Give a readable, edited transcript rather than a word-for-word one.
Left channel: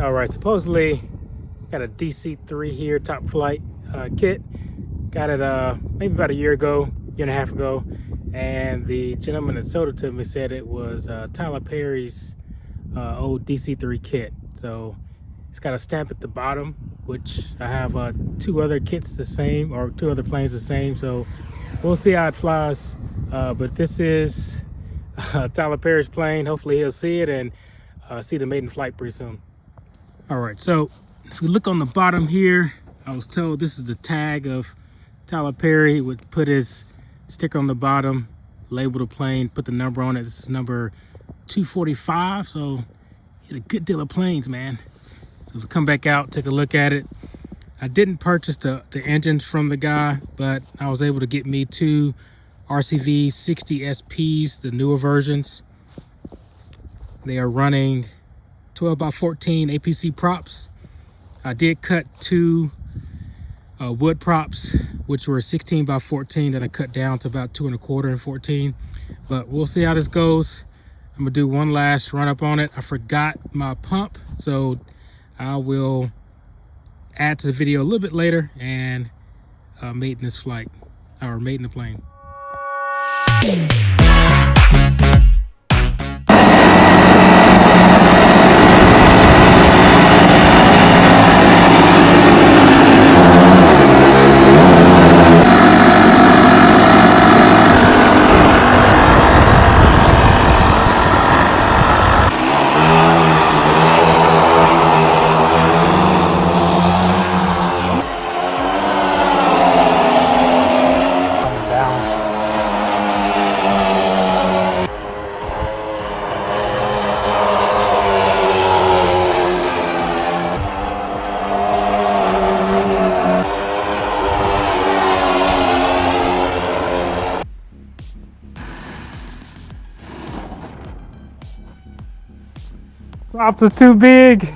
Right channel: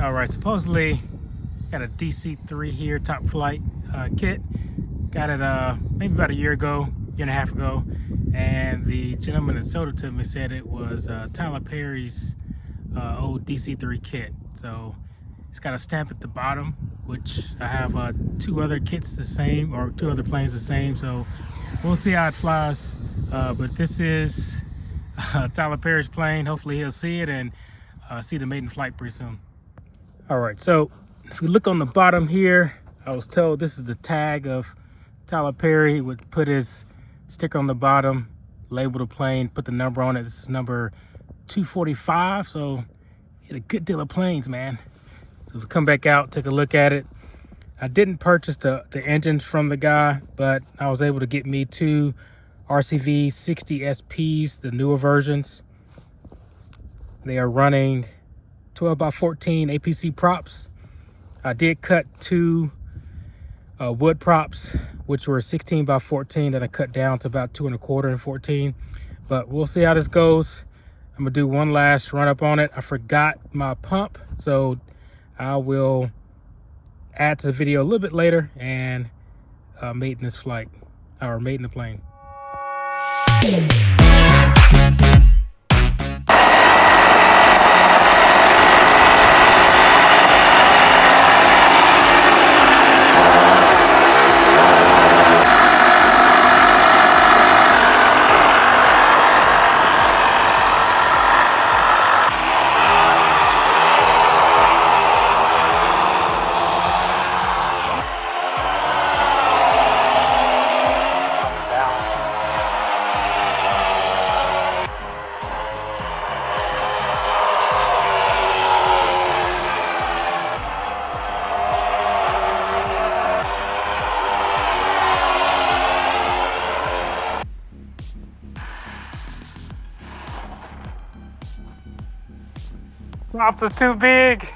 All right, supposedly got a DC-3 here, top flight kit. Got it maybe about a year and a half ago. And the gentleman that sold it to me said it was Tyler Perry's old DC-3 kit. So it's got a stamp at the bottom, which I have two other kits the same, or two other planes the same. So we'll see how it flies. But this is Tyler Perry's plane. Hopefully he'll see it and see the maiden flight pretty soon. All right, so if we look on the bottom here, I was told this is the tag of Tyler Perry. He would put his sticker on the bottom, label the plane, put the number on it. This is number 245, so he had a good deal of planes, man. So if we come back out, take a look at it. I didn't purchase the engines from the guy, but I was able to get me two RCV 60 SPs, the newer versions. They are running 12x14 APC props. I did cut two wood props, which were 16x14 that I cut down to about 2 1/4 and 14. But we'll see how this goes. I'm gonna do one last run up on it. I forgot my pump, so I will add to the video a little bit later and maiden this flight, or maiden the plane. Props are too big.